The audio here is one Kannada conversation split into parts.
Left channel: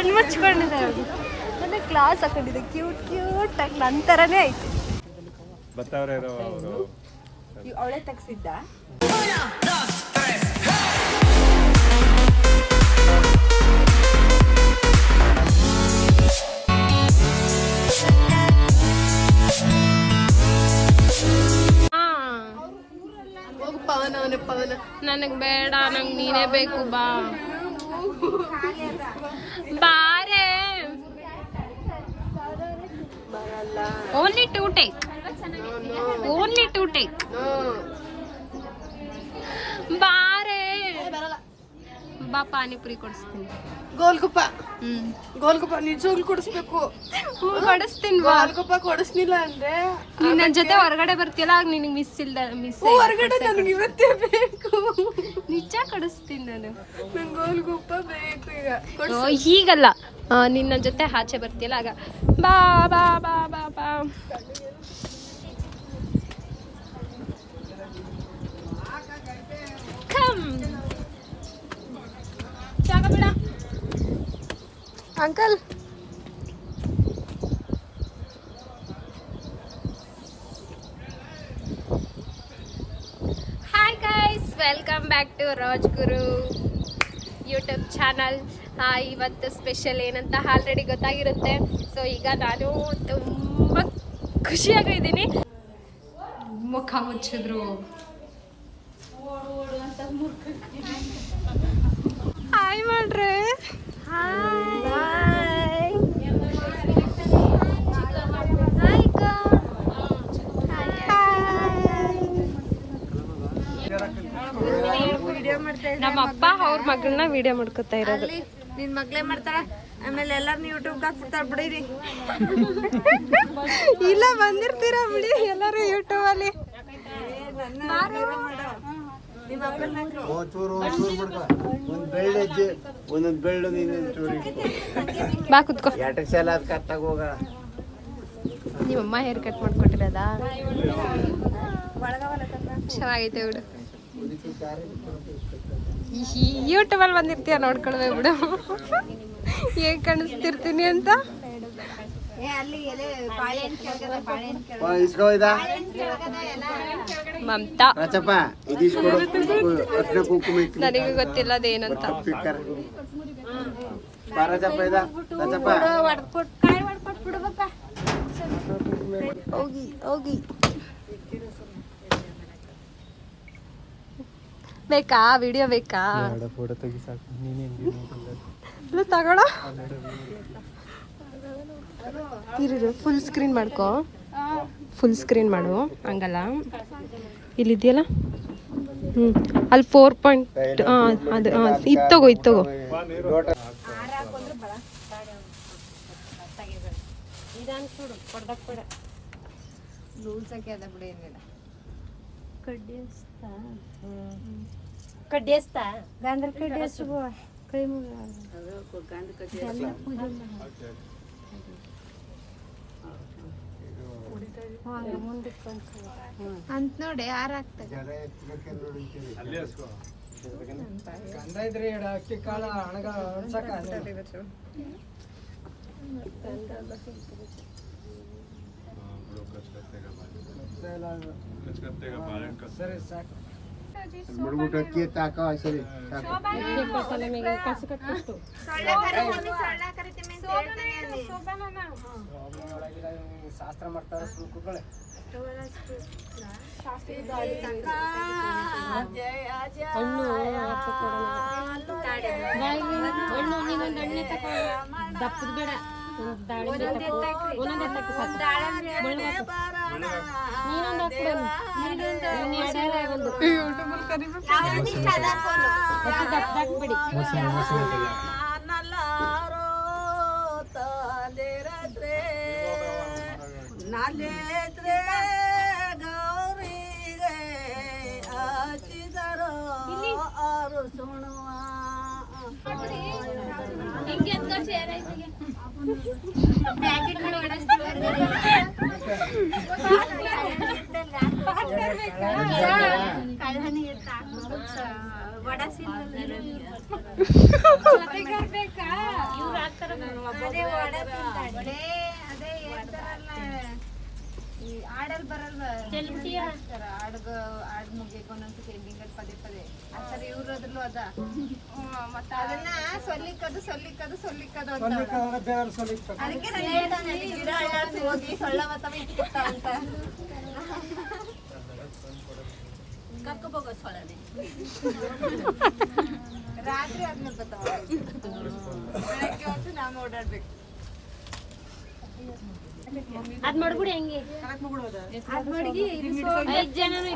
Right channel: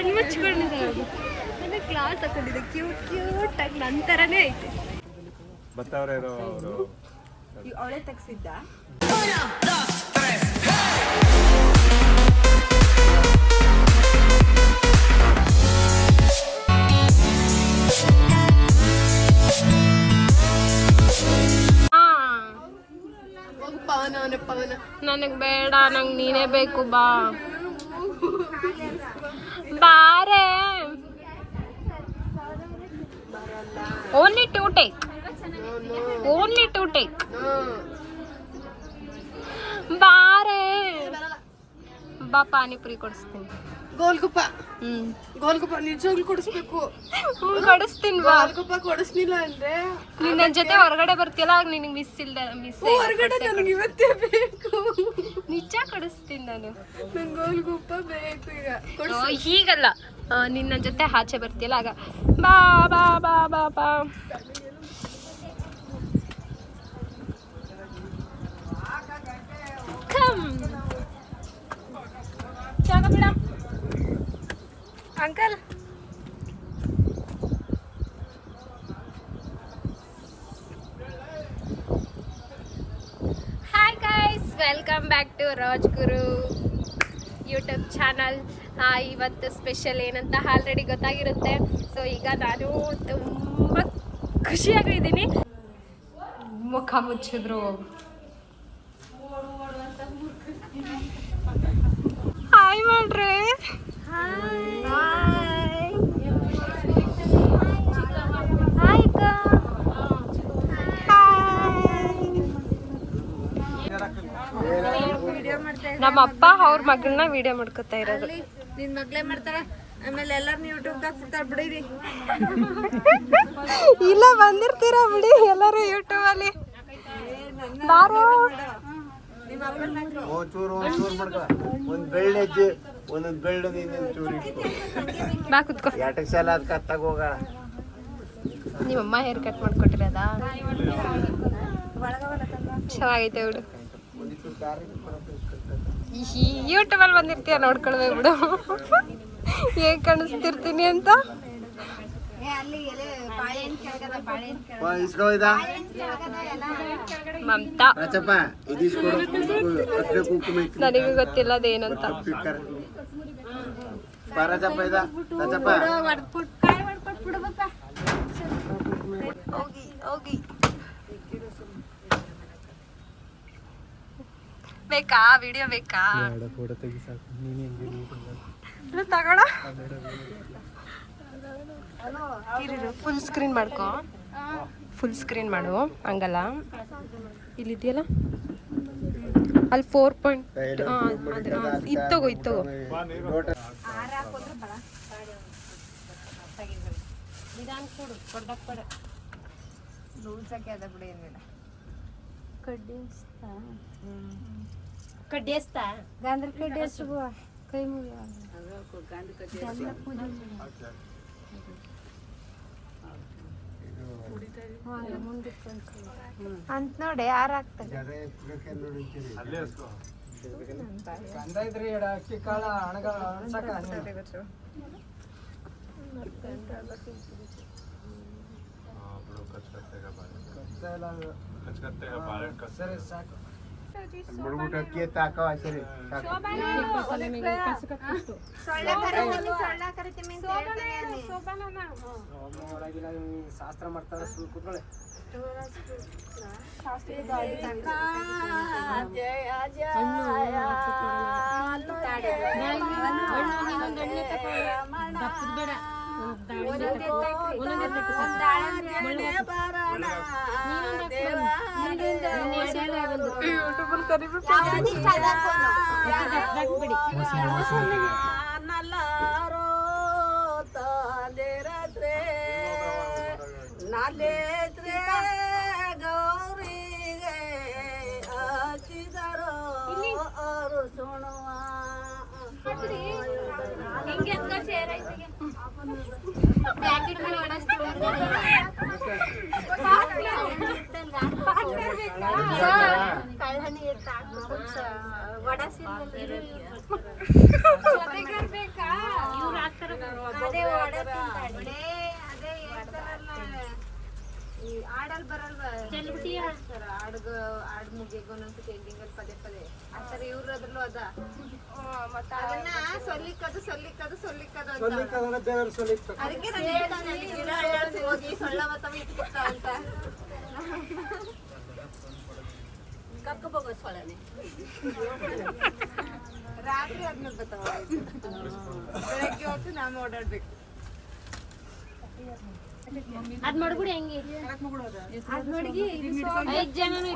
ಕಣ್ಣು ಮುಚ್ಕೊಂಡಿದೆ ಅವಳು. ನನ್ನ ಕ್ಲಾಸ್ ಹಾಕೊಂಡಿದೆ ಕ್ಯೂಟ್ ಆಗಿ ನನ್ನ ಥರನೇ ಐತೆ. ಅವಳೇ ತೆಗ್ಸಿದ್ದ. ಪವನ ನನಗೆ ಬೇಡ, ನಂಗೆ ನೀನೇ ಬೇಕು. ಬಾರೆ. ಓನ್ಲಿ ಟು ಟೇಕ್ ಬಾರೆ. ಬಾ ಪಾನಿಪುರಿ ಕೊಡಿಸ್ತೀನಿ. ಗೋಲ್ಗುಪ್ಪ ನಿಜವಾಗ್ಲು ಕೊಡಿಸ್ಬೇಕು. ಕೊಡಿಸ್ತೀನಿ. ಗೋಲ್ಗುಪ್ಪ ಕೊಡಿಸ್ಲಿಲ್ಲ ಅಂದ್ರೆ ನೀನ್ ನನ್ನ ಜೊತೆ ಹೊರಗಡೆ ಬರ್ತಿಲ್ಲ, ಆಗ ನಿನಗೆ ಮಿಸ್ ಹೊರಗಡೆ ನನಗೆ ಇವತ್ತೇ ಬೇಕು. ನಿಜ ಕೊಡಿಸ್ತೀನಿ ನಾನು. ನಂಗೆ ಗೋಲ್ಗುಪ್ಪ ಬೇಕು ಈಗ. ಹೀಗಲ್ಲ, ನಿನ್ನ ಜೊತೆ ಆಚೆ ಬರ್ತಿಲ್ಲ ಆಗ. ಬಾ ಬಾ ಬಾ ಬಾ ಬಾ. ಜಾಗ ಬಿಡ uncle. Hi guys, welcome back to Rajguru YouTube channel. ಇವತ್ತು ಸ್ಪೆಷಲ್ ಏನಂತ ಆಲ್ರೆಡಿ ಗೊತ್ತಾಗಿರುತ್ತೆ. ಸೊ ಈಗ ನಾನು ತುಂಬ ಖುಷಿಯಾಗಿದ್ದೀನಿ. ಮುಖ ಮುಚ್ಚಿದ್ರು. ಹಾಯ್ ಮಾಡ್ರೆ. ನಮ್ಮ ಅಪ್ಪ ಅವ್ರ ಮಗಳನ್ನ ವಿಡಿಯೋ ಮಾಡ್ಕೊತಾ ಇರೋದು. ನಿನ್ ಮಗ್ಳೇ ಮಾಡ್ತಾಳ, ಆಮೇಲೆ ಎಲ್ಲಾರು ಯೂಟ್ಯೂಬ್ ಹಾಕ್ಬಿಡ್ತಾರ ಬಿಡಿರಿ. ಇಲ್ಲ ಬಂದಿರ್ತೀರಾ ಬಿಡಿ ಎಲ್ಲರೂ ಯೂಟ್ಯೂಬ್ ಅಲ್ಲಿ. ಬಾ ಕುತ್ಕೋ. ನಿಮ್ಮಮ್ಮ ಹೇರ್ ಕಟ್ ಮಾಡ್ಕೊಟ್ಟಿರೋದಾ? ಚೆನ್ನಾಗೈತೆ ಬಿಡು. ಯೂಟ್ಯೂಬ್ ಅಲ್ಲಿ ಬಂದಿರ್ತೀಯ, ನೋಡ್ಕೊಳ್ವೆ ಬಿಡು ಹೇಗ್ ಕಾಣಿಸ್ತಿರ್ತೀನಿ ಅಂತ. ಮಮತಾ ನನಗೂ ಗೊತ್ತಿಲ್ಲ ಅದೇನಂತ. ಹೋಗಿ ಹೋಗಿ. ಬೇಕಾ ವಿಡಿಯೋ? ಬೇಕಾ? ತಗೋಣ. ಇರು, ಫುಲ್ ಸ್ಕ್ರೀನ್ ಮಾಡ್ಕೊ. ಫುಲ್ ಸ್ಕ್ರೀನ್ ಮಾಡು. ಹಂಗಲ್ಲ, ಇಲ್ಲಿದೆಯಲ್ಲ, ಅಲ್ಲಿ 4 ಅದು ಇತ್ತಗೋ. ಕಡ್ಡಿಸ್ತಾ ಗಾಂದ್ರ ಕಡ್ಡಿಸು ಕೈ ಮುಗಿ ಅಂತ ನೋಡಿ ಯಾರು ಆಗ್ತದೆ. ಅಕ್ಕಿ ಕಾಳ ಹಣಗ ಸರಿ ಸಾಕು. ಶಾಸ್ತ್ರ ಮಾಡ್ತಾರೆ. ದಪ್ಪದ ಬೇಡ, ನಾಲೇತ್ರೆ ಗೌರಿಗೆ ಹಚ್ಚಿದರೋ ಅವರು ಸುಣುವ. ಹಾಡ್ ಮುಗಿಯಕ್ಕೆ ಒಂದೊಂದ್ಸತಿ ಎಂಡಿಂಗ್ ಪದೇ ಪದೇ ಅಂತಾರೆ ಇವ್ರು ಅದ್ರಲ್ಲೂ ಅದ ಮತ್ತೆ ಅದನ್ನ ಸೊಲ್ಲಿಕ್ಕದು ಅದಕ್ಕೆ ನಾನು ಹೇಳ್ತಾನೆ ಗಿಡ ಅಡ್ಡಾಡ್ಸಿ ಹೋಗಿ ಸೊಳ್ಳ ಮತ್ತ ಇಟ್ಕೊಡ್ತಾವ ಅಂತ ಕರ್ಕೋಬೋಗೋದು ಸೊಳ್ಳನೆ ರಾತ್ರಿ ಆದ್ಮೇಲೆ ಬರ್ತಾವ ಬೆಳಗ್ಗೆ ಹೊತ್ತು ನಾವು ಓಡಾಡ್ಬೇಕು ಅದ್ ಮಾಡ್ಬಿಡಿ ಹೆಂಗೆ ಅದ್ ಮಡಗಿ 5 ಜನನು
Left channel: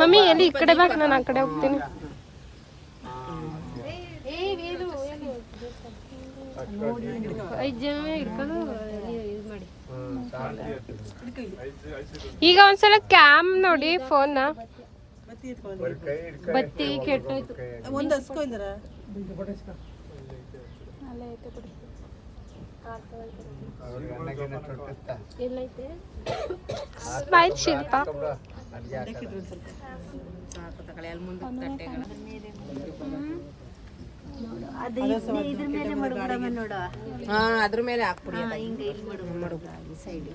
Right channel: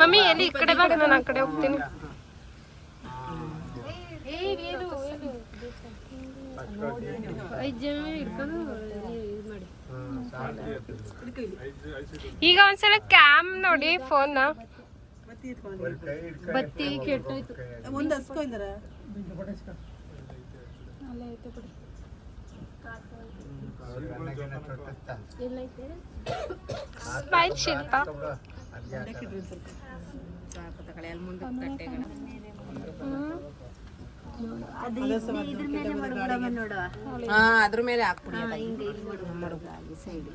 ಮಮ್ಮಿ ಎಲ್ಲಿ ಈ ಕಡೆ ಬಾ ನಾನು ಆ ಕಡೆ ಹೋಗ್ತೀನಿ ಈಗ ಒಂದ್ಸಲ ಕ್ಯಾಮ್ ನೋಡಿ ಫೋನ್ ಬತ್ತಿ ಕೆಟ್ಟೋಯ್ತು ಒಂದು ಹಸ್ಕೊಂಡ್ರ ಸ್ಮೈಲ್ ಶಿಲ್ಪ ಅದು ಇದ್ರ ಮೇಲೆ ಮಡಗ್ಬಿಡಮ್ಮ ನೋಡು ಅದ್ರ ಮೇಲೆ ಹಾಕ್ಬಿಡ ಹಿಂಗ ಇಲ್ಲಿ ಮಡಗ್ಬಿಡ ಸೈಡ್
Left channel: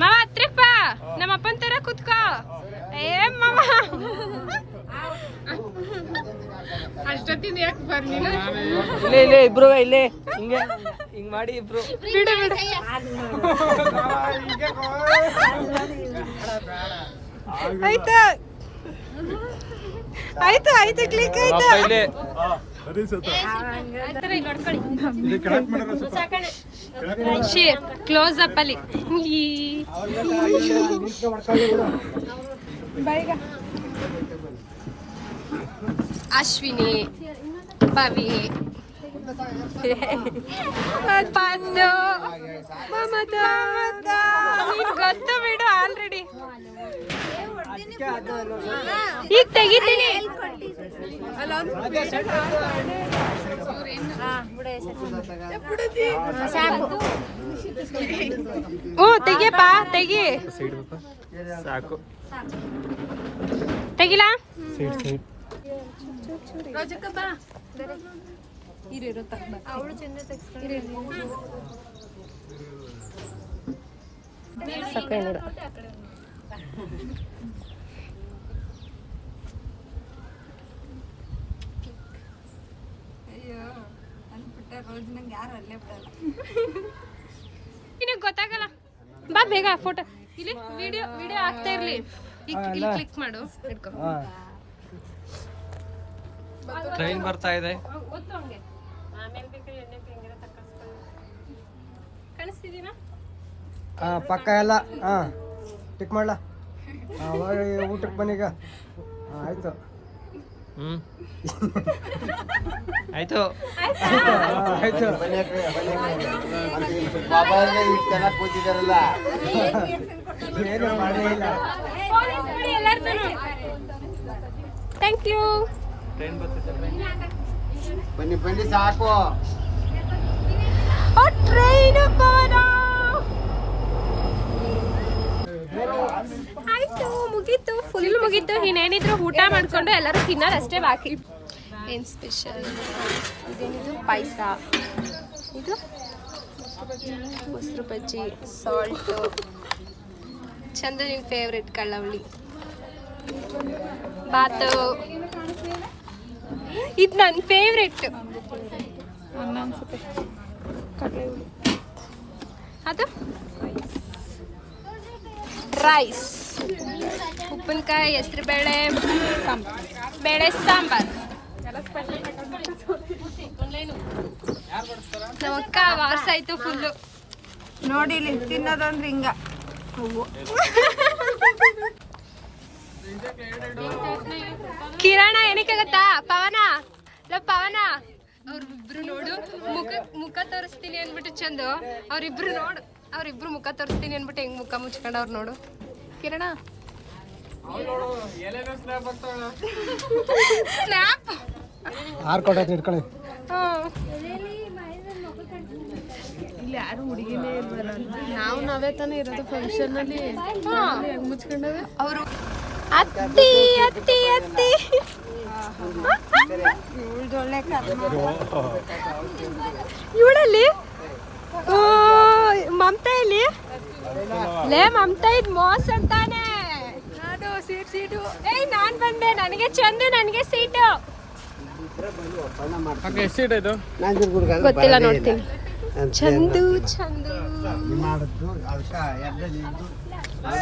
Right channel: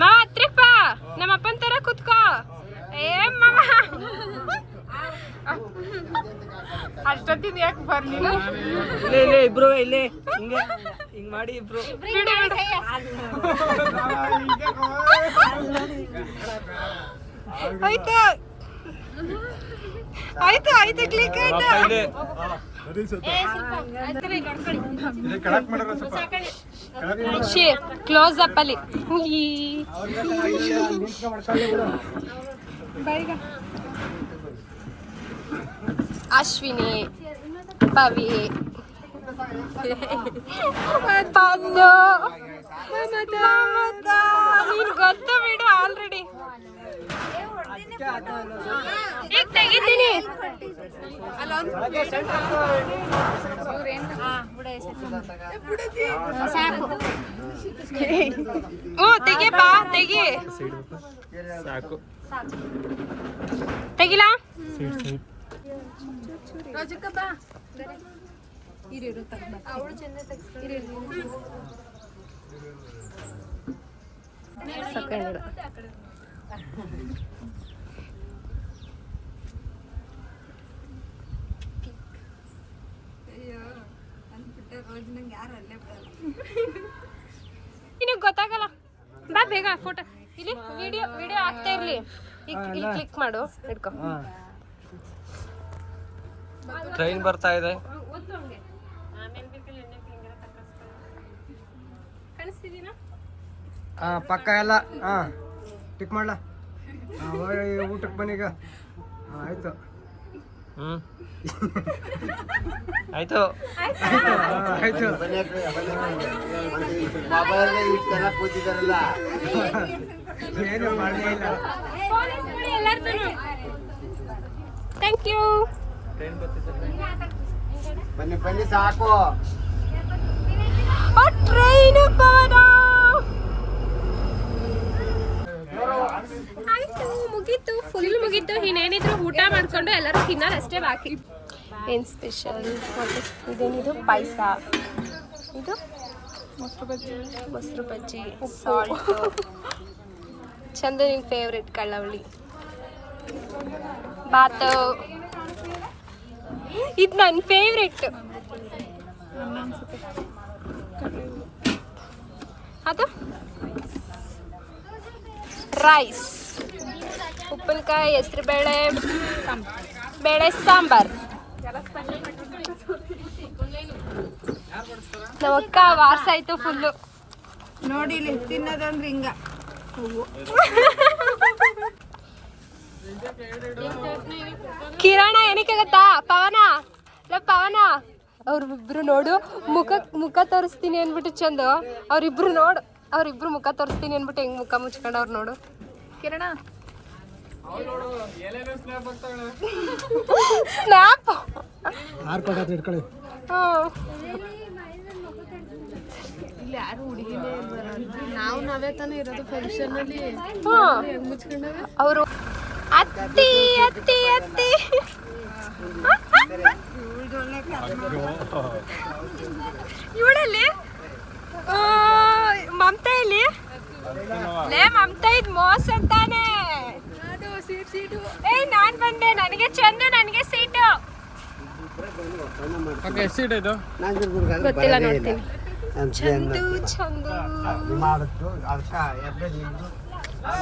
ಮಾವ ಹತ್ರಕ್ ಬಾ ನಮ್ಮ ಅಪ್ಪನ ತರ ಕುತ್ಕೋ ಏ ಮಾವ ಅಷ್ಟೊತ್ತಿನ ಯಾಕೆ ಬರ್ಲಿಲ್ಲ ಇಲ್ಲೇ ಇಬ್ರು ಇಲ್ಲೇ ಹಿಂಗೆ ಹಿಂಗ್ ಮಾಡಿ ಇಬ್ರು ಬಿಡು ಬಿಡು ಆಯ್ತಾ ಆಯ್ತು ಆಯ್ತು ಕ್ಲಿಕ್ ಆಯ್ತು ಕ್ಲೋಸ್ ಅಪ್ ಅಲ್ಲಿ ಅಶ್ವಿನಿ ಪವಿ ಪದ್ದು ಮಮತಾ ನೀನ್ ಗೊತ್ತು ಬಿಡು ಆಲ್ರೆಡಿ ಈಗ ತೆಗಿತೀನಿ ಹ್ಞೂ ತೆಗಿಯಪ್ಪ ತೆಗಿ ಸಾಕು ತೆಗಿಲಾ ಅವಳು ಚೆಂದ ಅಯ್ಯೋ ಅಂದ್ಬಿಟ್ಟೆ ರೋಜ್ ನಂಗೆ ಯಾರು ಅಲ್ಲೇ ಬಿಡಲ್ಲ ನಿನಗೆ ಗೊತ್ತಾಗಲ್ಲ ಬಾ ಬೇಗ ಫೋಟೋ ಇಲ್ಲಿ ವಿಡಿಯೋ ವಿಡಿಯೋ ಆಗ್ತಾ ಇರ್ಲಿ ಈಗ ಇಲ್ಲಿ ಕ್ಲಿಕ್ ಮಾಡು ಹಿಡ್ಕೊ ಟ್ರೈನ್ ಬರ್ತಾ ಇದೆ ಕಾಣಿಸ್ತಿದೀನಾ ಪಕ್ಕ ಎಲ್ಲ ಟಿಕ್ ಮಾಡ್ಲಾ ಊಟಕ್ಕೆ ಬನ್ನೀಗ ಆಯ್ತು ಆಯ್ತು ಆಯ್ತು ಥ್ಯಾಂಕ್ ಯು ಟ್ರೈನ್ ಬರ್ತಿದೆ ಬನ್ನಿ ಸಾಕು ಟ್ರೈನ್ ಆಯ್ತು ಮುಗೀತು ಫುಲ್ ಮುಗೀತು ಇನ್ನೇನಿದ್ರು ಊಟ ಮಾಡ್ಕೊಂಡು ಎಲ್ಲರೂ ತಿನ್ನೋದು ಅಷ್ಟೇ ಬಾಕಿ ಏನ್ ಸ್ಪೆಷಲ್ ಇದೇನಿದು ಪಾಯಸ ಇದು ಮೊಸರು ಬಜ್ಜಿ ಸಾಲ್ಟು ಚಂದ ನಿನ್ ಫೇವ್ರೆಟ್ ಕಳ್ಳವಳಿ ಬಾತು ಇದು ನನ್ನ ಫೇವ್ರೆಟ್ ಅದು ರೈಸ್ ಉಪ್ಪಿನಕಾಯಿ ಹೆಸರು ಬೇಳೆ ಸಾಂಬಾರ್ ನಮ್ಮಕ್ಕ ವಾರ್ಸಾಯ್ತು ಫುಲ್ಲು ನೋಡಿ ಇಲ್ಲಿ ತಿನ್ನೋದಂದ್ರೆ ಹಿಂಗ ಕಿರಣ ಏನಕ್ಕೆ ಗೊತ್ತಾ ಪವನ ಪವನ ಅವ್ರಿಬ್ರು ನೋಡು ಮುಖ ತೋರಿಸ್ತೀನಿ ಅನ್ಬಿಟ್ಟು ಚಂದು ಅವ್ರಿಬ್ರು ಮುಖ ತೋರಿಸ್ತೀನಿ ಅನ್ಬಿಟ್ಟು ಹೆಂಗ್ ಮುಖ ಮುಚ್ಕೊಂಡವ್ರು ನೋಡು ಕಿರಣ ಸ್ನ್ಯಾಪ್ ಇಟ್ಕೊಳ್ಳಿ ಇಲ್ಲಿ ಯಾರು ಹುಡುಗಿನೇ ನಾವೇ ತಾನೇ ಇರೋದು ಫಂಕ್ಷನ್ ಅಲ್ಲಿ ಮುಚ್ಕೊಂಡವೆ ಅವರು ಅತ್ತಿ ಅತ್ತಿ ಅತ್ತಿ ಇವಳಲ್ಲಿ ಮಮತಾ ಇಲ್ಲಿ ಲೇ ಮಮತಾ ಇದ್ ಮೋಸ ಅಂತಾನೆ. ಏಯ್ ನಾನ್ ಬಂದೆ, ನನಗೆ ಚಂದು, ನನಗೆ ಸೀಟು. ಸೀಟ್ ಇದು ಗೊತ್ತಿಲ್ಲ, ನೋಡ್ತೀನಿ. ಚಂದು ಚಂದು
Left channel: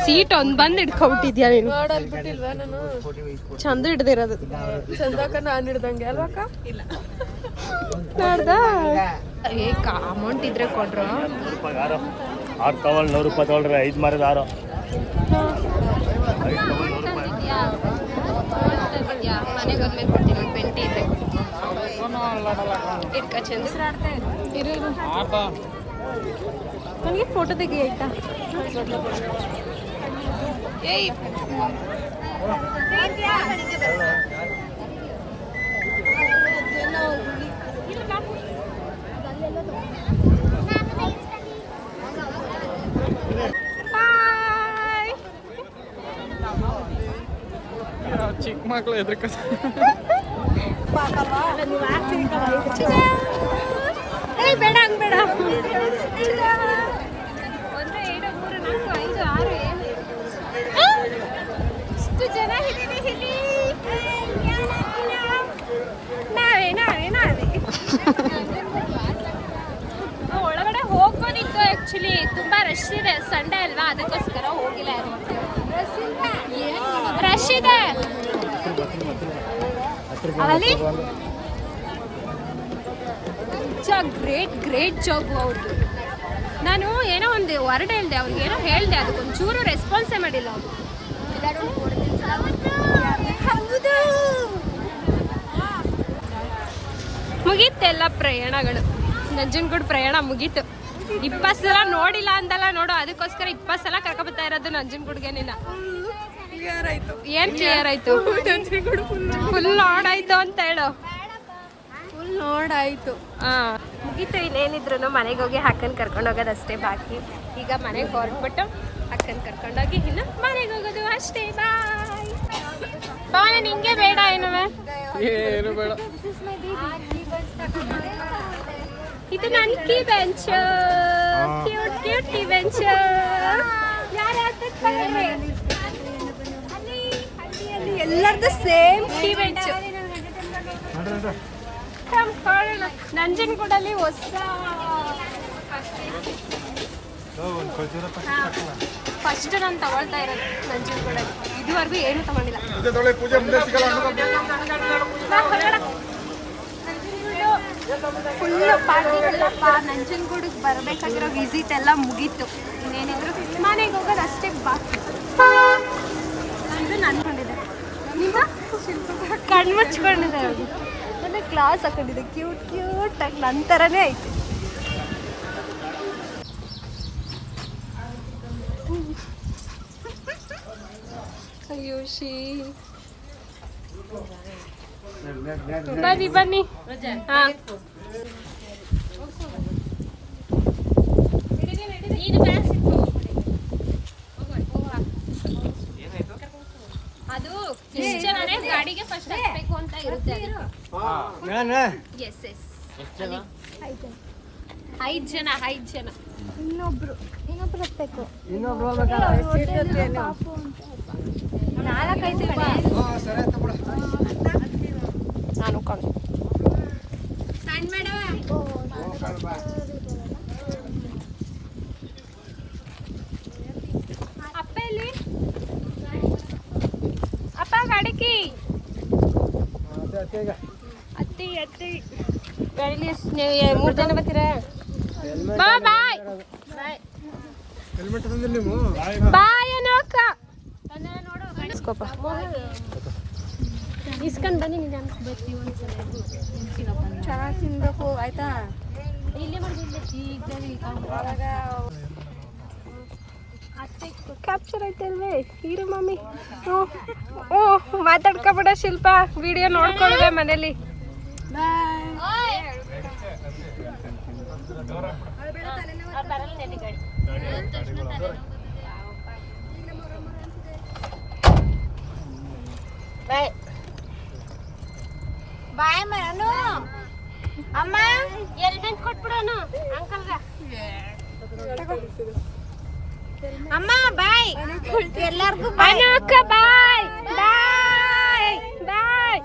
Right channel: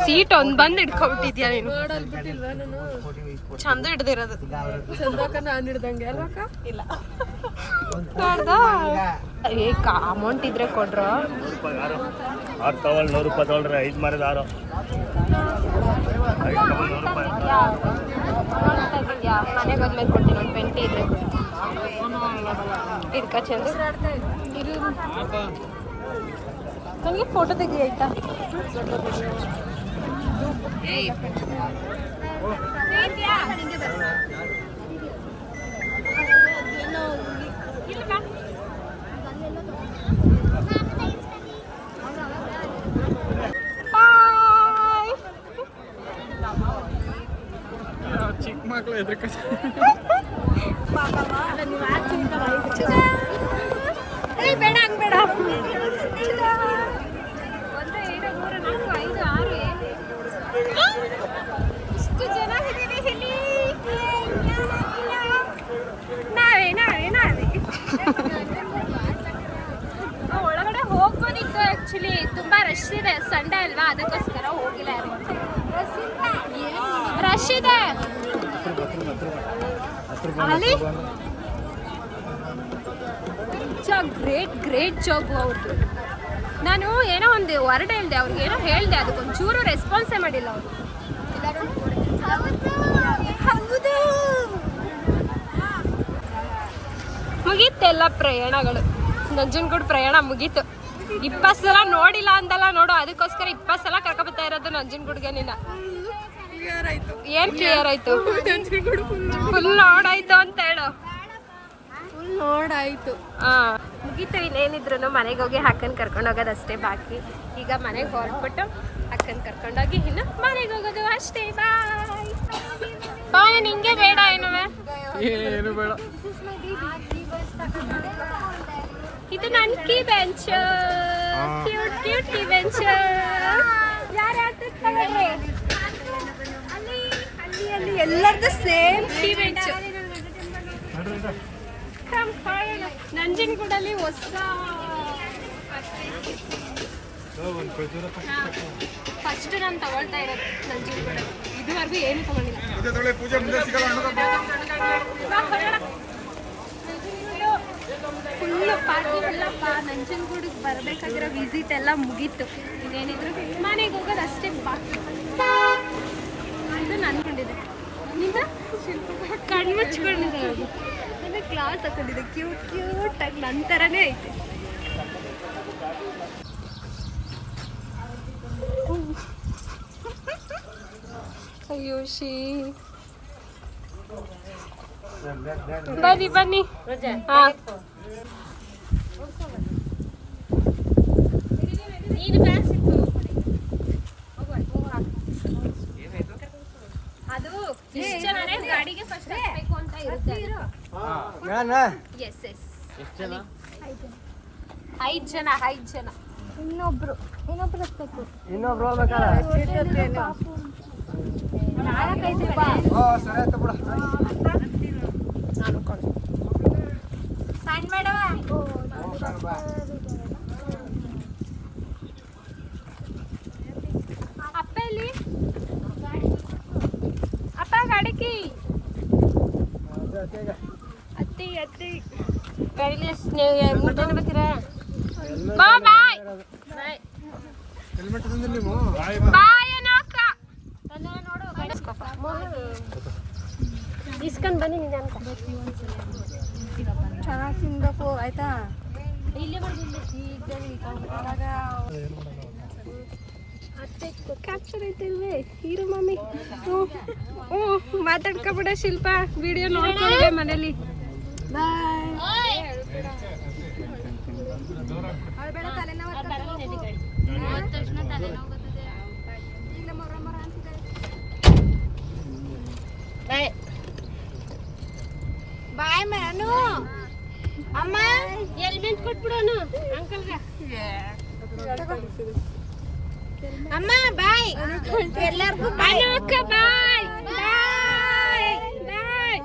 ಸೀಟ್ ಒಂದ್ ಬಂದ್ ಹಿಡ್ಕೊಬಿಟ್ಟಿದ್ಯಾ ನೀನು? ಚಂದು ಹಿಡ್ದಿರೋದು. ಚಂದಕ್ಕ ನಾನ್ ಹಿಡ್ದಂಗೆ ಅಲ್ವಕ್ಕ? ಇಲ್ಲ ನೋಡ್ದ ಅಮೌಂಟ್ ಇದ್ರೆ ಕೊಡ್ರು. 100 ರೂಪಾಯಿ ತೊಗೊಳ್ರಿ, 5 ಮಾರಿದ 6. ಮನೆಗೆ ಹೋದ್ಮೇಲೆ ಕೊಡ್ತೀನಿ, ಒಂದು 20 ಇದ್ರೆ ಕೊಡಿ. ನನಗೆ ಫೋಟೋ ತೆಗಿ ಆಯ್ತಾ? ಚಿಕ್ಕ ಮಕ್ಕಳು ಎದ್ರಕ ಬೇಡ ಹಂಗ್ ಬೇಡ. 1 2 3 4 5 6 ಎಷ್ಟು ಜನ ಇದ್ದೀವಿ ಇಲ್ಲಿ. ನಾವೇ ಒಳಗಡೆ ಹೋಗ್ಬೋದಿತ್ತು. ಆಕ್ಚುಲಿ ತುಂಬಾ ರಶ್ ಇದೆ, ಸಂಡೇ ಅಲ್ವಾ, ಅದಕ್ಕೋಸ್ಕರ ಹೋಗಿಲ್ಲ. ರಶ್ ಇದೆ ಅಲ್ಲಿ. ಗ್ರೇಟ್ ಜಾಬ್ ಅವ್ರದ್ದು. ನಾನು ಏನೋ ಒಂದು ವರ್ಡ್ ಹೇಳ್ದೆ, ಅವ್ರಿಗೆ ಏನೋ ಹೇಳ್ದೆ, ಅದಕ್ಕೊಂಚೂರು ರೆಸ್ಪಾನ್ಸೇ ಮಾಡಿಲ್ಲ ಅವರು. ಹೌದು, ಮುಗೀತೆಲ್ಲ ಪ್ರಯಾಣಗಳು. ನಂಜನಗೂಡು ಪ್ರಯಾಣ ಮುಗೀತು. 20 ಸಲ ನೋಡಿಲ್ಲ ಅಂತಲ್ಲ ನೋಡು, ಅದಕ್ಕೋಸ್ಕರ 20 ಸಲ ಕರ್ಕೊಬತ್ತಾ ಇರೋದು ನಂಜನಗೂಡ್ಗೆ. ನಿನ್ನ ಏನ್ ಕ್ಲಿಯರ್ ಆಯ್ತು? ಫುಲ್ ನೋಡಾಯ್ತು ಅಂತ ಹೇಳು. ಫುಲ್ ನೋಡಾಯ್ತು. ಮುಗೀತು. ಇನ್ನೇನಿದ್ರು ಮನೆಗೆ ಹೋಗಿ ಅಕ್ಕನ ಕರ್ಕೊಂಡು ಹೋಗೋದು ಅಷ್ಟೇ ಬಾಕಿ. ಈಗ ಮನೆಗೆ ಹೊರಟ್ಬಿಟ್ಟು ಅಕ್ಕನ ಕರ್ಕೊಂಡೋಗಿ ಇನ್ನು ಮನೆಗೆ ಹೋಗೋದು ಅಷ್ಟೇ. ಬಾಯ್ ಬಾಯ್. ನಿಂಗೆ ಬೇಡ ಏನು ಬೇಡ. ಇದು ನನ್ನ key bench, cute key bench. ಎಲ್ಲರದ್ದು ಸೇಮ್ ಕೀ ಬೆಂಚ್. ನಂಜನಗೂಡಲ್ಲಿ ಹೊಸ ಫಸ್ಟ್ ನಾನು ತಗೊಳ್ತಾ ಇರೋದು ನಂಜನಗೂಡಲ್ಲಿ. ಇದುವರೆಗೂ ಏನು ತಗೊಂಡಿಲ್ಲ. ಫುಲ್ಲು ಪಾರ್ಟಿ ಎಲ್ಲಪ್ಪ. ನಂಜನಗೂಡಿಗೆ ಬರಬೇಕಾಗಿರೋ ವಿಸಿಟ್ ಎಲ್ಲ ಮುಗೀತು. ಇನ್ನೇನಿದ್ರು ಮನೆಗೆ ಹೋಗೋದು ಅಷ್ಟೇ ಬಾಕಿ. ಇದು ನನ್ಕೊಂಡಿದೆ. ಈಗ ಕಣ್ಣು ಮುಚ್ಕೊಂಡಿದೆ. ಅವ್ರಿಗೆ ನನ್ನ ಕ್ಲಾಸ್ ಹಾಕೊಂಡಿದೆ, ಕ್ಯೂಟಾಗಿ ನನ್ನ ಥರನೇ ಐತೆ. ಅಯ್ಯೋ ಶೀ. ಬನ್ನಿ ಹಾ. ಅದು ಗಾಡಿಗೆ ಫಸ್ಟ್ ಹಾಕ್ಬೇಕು ಅಂತ ಇರುತ್ತೆ. ಎಸ್ 5 ಜನ. ಇನ್ನೊಬ್ರು ಹತ್ಬೇಕು. ಪಾಪು ನಾನು ಕಣೆ ಅಪ್ಪ ಇಲ್ಲಿ. ಅಪ್ಪ ಗಾಡಿಕಿ ಅತ್ತಿ 3 ಜನ ಬರ್ತೀರಾ? ಬಾಯ್ ಬಾಯ್ ಏನೋಕ್ಕ ನೋಡು. ಇಸ್ಕೊಂಡ್ ಬನ್ನಿ. ಆಯ್ತಾ? ಇಲ್ಲಿ ಕ್ಯಾಪ್ಚರ್ ಆಯ್ತಲ್ವೇ ಹೀರೋ ಮಮ್ಮಿ? ಓ ಮಾತಾಡ್ಕೊಬೇಡ ಶಿಲ್ಪ, ವಿಡಿಯೋ ನೋಡ್ಕೊಂಡಿದ್ದೆ ಮನೇಲಿ. ಬಾಯ್ ಬಾಯ್ ಅನು ಅಮ್ಮ ಹೆಲ್ಮೆಟ್ ಕೊಟ್ಬಿಡೋನು ಅಂಕಲ್ಗೆ ಅಮ್ಮ ಬಾಯ್ ಎಲ್ಲಾರ್ಗೂ ಬಾಯ್ ಬಾಯ್ ಬಾಯ್ ಬಾಯ್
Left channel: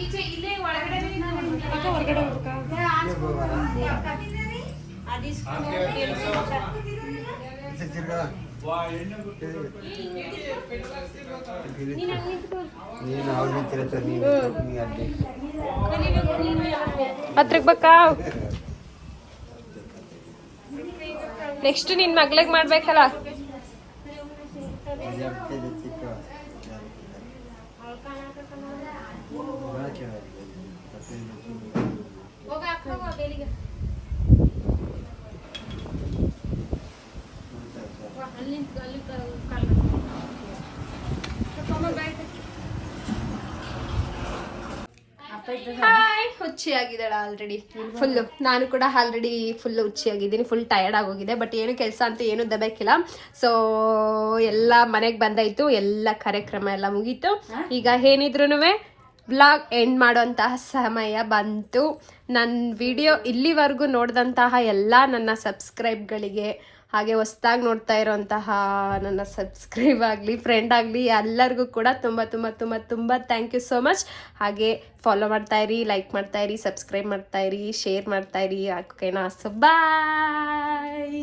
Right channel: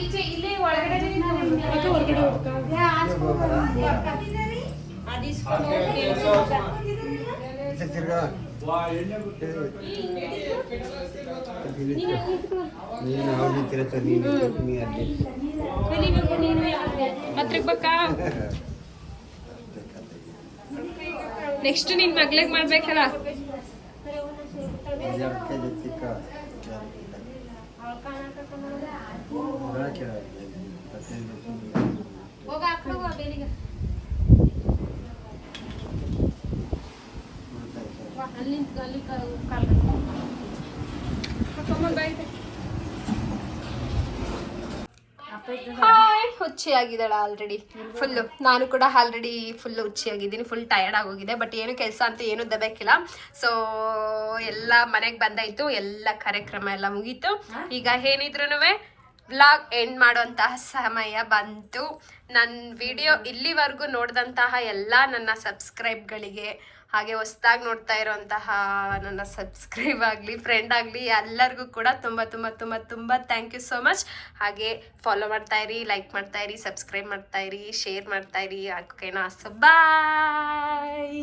ಈಚೆ ಇಲ್ಲೇ ಹೊರಗಡೆ ಹತ್ರಕ್ ಬೇಕಾ ನೆಕ್ಸ್ಟ್ ನಿನ್ ಮಗ್ಳಿಗೆ ಮಾಡ್ಬೇಕಲ್ಲ ಹಾಯ್ ಹುಚ್ಚಿಯಾಗಿದ್ದಾಳ ಆಲ್ರೆಡಿ ಫುಲ್ಲು. ನಾನು ಕೂಡ ಆಲ್ರೆಡಿ ಫುಲ್ ಹುಚ್ಚಿಯಾಗಿದ್ದೀನಿ, ಫುಲ್ ಟಯರ್ಡ್ ಆಗೋಗಿದೆ. ಬಟ್ ಏನು ಕೆಲಸ ಅಂತ ಏನು ದಬೇಕಿಲ್ಲ. ಸೊ ಎಲ್ಲ ಮನೆಗೆ ಬಂದಾಯ್ತು, ಎಲ್ಲ ಕಾರ್ಯಕ್ರಮ ಎಲ್ಲ ಮುಗೀತು. ಈಗ ಏನಿದ್ರು ಬ್ಲಾಗ್ ಎಂಡ್ ಮಾಡೋಂತಹ ಸಮಯ ಬಂತು. ನನ್ನ ವಿಡಿಯೋ ಇಲ್ಲಿವರೆಗೂ ನೋಡಿದಂತಹ ಎಲ್ಲ ನನ್ನ ಸಬ್ಸ್ಕ್ರೈಬ್ಗಳಿಗೆ, ಹಾಗೆ ಹೊಸ್ದಾಗಿ ನೋಡ್ತಾ ಇರೋಂತಹ ನನ್ನ ಸಬ್ಸ್ಕ್ರೈಬ್ ಆಗಲಿ, ಫ್ರೆಂಡ್ ಆಗಲಿ, ಎಲ್ಲರಿಗೂ ಕೂಡ ತುಂಬ ತುಂಬ ತುಂಬ ತುಂಬ ಥ್ಯಾಂಕ್ ಯು ಸೋ ಮಚ್. ಹಾಗೆ ಫಾಲೋ ಮಾಡ್ತಾಯಿರಿ, ಲೈಕ್ ಮಾಡ್ತಾಯಿರಿ, ಸಬ್ಸ್ಕ್ರೈಬ್ ಮಾಡ್ತಾಯಿರಿ, ಶೇರ್ ಮಾಡ್ತಾಯಿರಿ. ಓಕೆನಾ? ಸೊ ಬಾಯ್.